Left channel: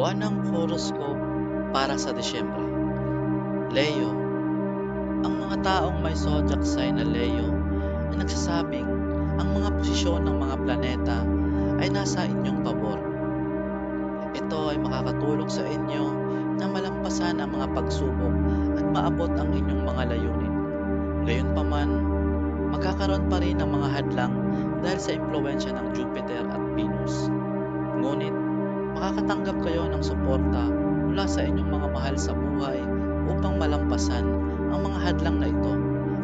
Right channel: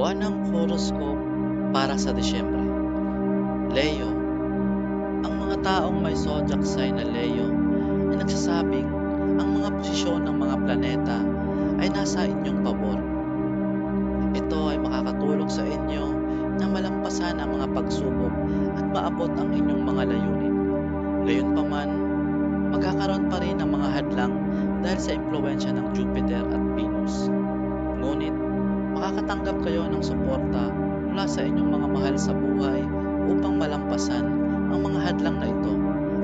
Buwanang horoscope para sa Disyembre. Leo. Ang mga taong may zodiac sign na Leo ay nagsasabing ang mga posisyon ng mga planeta ay nasa inyong pabor. Ito ay makakatulong sa inyo na malampasan ang mga pagsubok at maabot ang inyong mga layunin. Gayunpaman, magkakaroon pa rin ng mga hadlang dahil sa impluwensya ng Jupiter at Venus. Ngunit, makakatanggap kayo ng suporta mula sa inyong mga mahal sa buhay upang malampasan ang mga hadlang na ito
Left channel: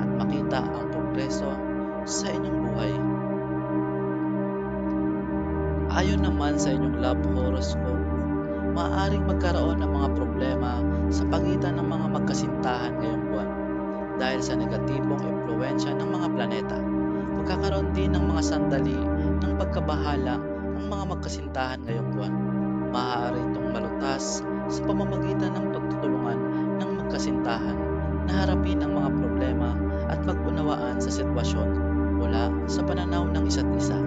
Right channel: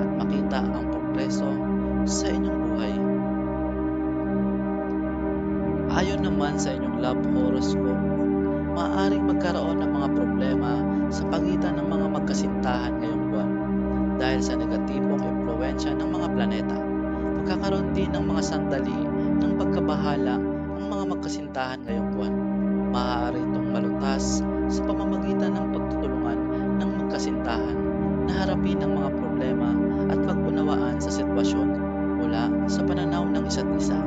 at makita ang progreso sa inyong buhay. Ayon naman sa inyong love horoscope, maaaring magkaroon ng mga problema sa pagitan ng mga magkasintahan ngayong buwan dahil sa negatibong impluwensya ng mga planeta. Magkakaroon din ng mga sandali ng pagkabahala ang mga magkasintahan ngayong buwan. Maaari itong malutas sa pamamagitan ng pagtutulungan ng magkasintahan na harapin ang mga problema at pag-unawaan sa sitwasyon mula sa pananaw ng isa't isa.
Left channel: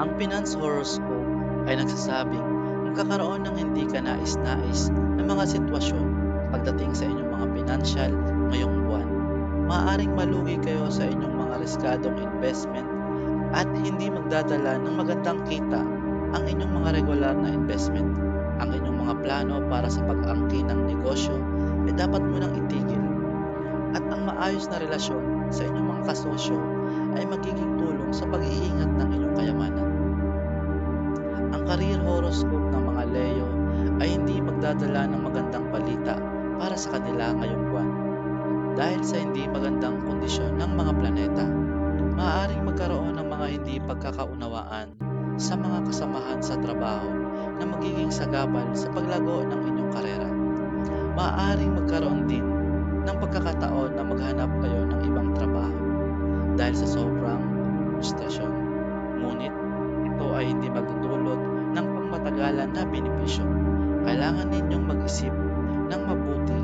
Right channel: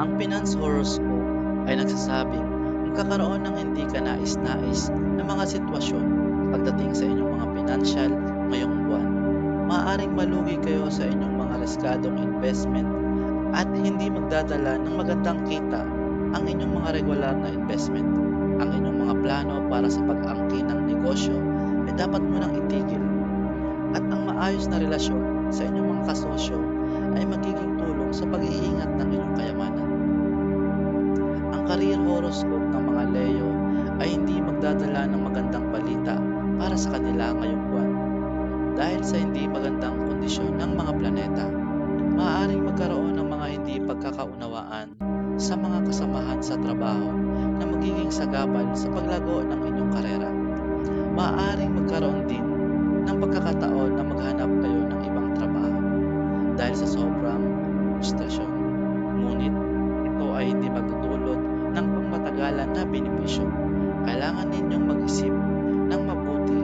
Ang finance horoscope ay nagsasabing magkakaroon ng hindi kanais-nais na mga sitwasyon pagdating sa inyong mga pinansyal ngayong buwan. Maaaring malugi kayo sa inyong mga riskadong investment at hindi magdadala ng magandang kita ang inyong mga regular na investment. Ang inyong mga plano para sa pag-angkin ng negosyo ay dapat munang itigil. At ang maayos na relasyon sa inyong mga kasosyo ay magiging tulong sa pag-iingat ng inyong kayamanan. Ang career horoscope ng mga Leo ay hindi magdadala ng magandang balita para sa kanila ngayong buwan. Dahil sa hindi magandang kondisyon ng mga planeta, maaaring magkaroon ng mga hindi pagkakaunawaan sa mga kasamahan sa trabaho na magiging sagabal sa paglago ng inyong karera. Maaaring magkaroon din ng pagkakataon na maghanap kayo ng ibang trabaho dahil sa sobrang frustrasyon. Ngunit ito ay hindi magdudulot ng pangmatagalan na benepisyo. Kailangan ninyong mag-isip ng mabuti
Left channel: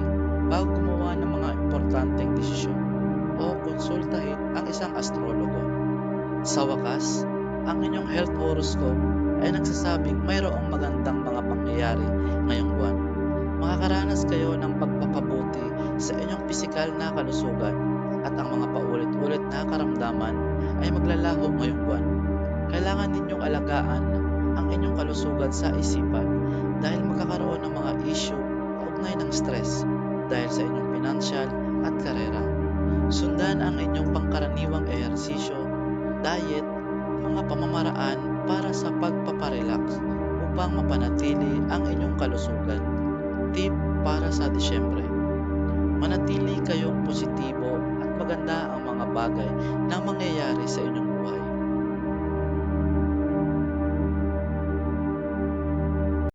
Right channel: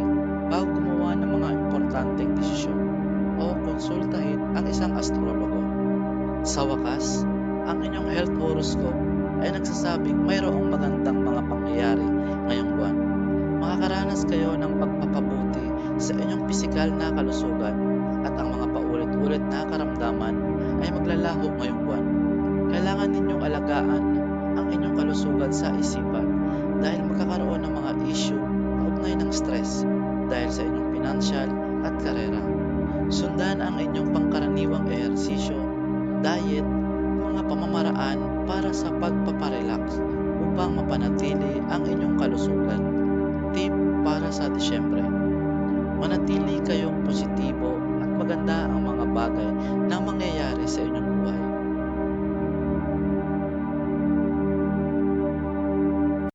bago gumawa ng mga importanteng desisyon o konsultahin ang isang astrologo. Sa wakas, ang inyong health horoscope ay nagsasabing mayroong magandang mga pangyayari ngayong buwan. Makakaranas kayo ng pagpapabuti sa inyong pisikal na kalusugan at ang mga paulit-ulit na karamdaman ay maglalaho ngayong buwan. Kailangan ninyong alagaan ang inyong kalusugan sa isipan dahil magkakaroon ng mga issue kaugnay ng stress dahil sa inyong pinansyal at karera. Sundan ang inyong pangkaraniwang ehersisyo, diet, mga pamamaraan para sa pagpaparelax upang mapanatili ang inyong kalusugan. Tip para sa Disyembre: manatili kayong positibo at maganda ang mga bagay na mangyayari sa inyong buhay.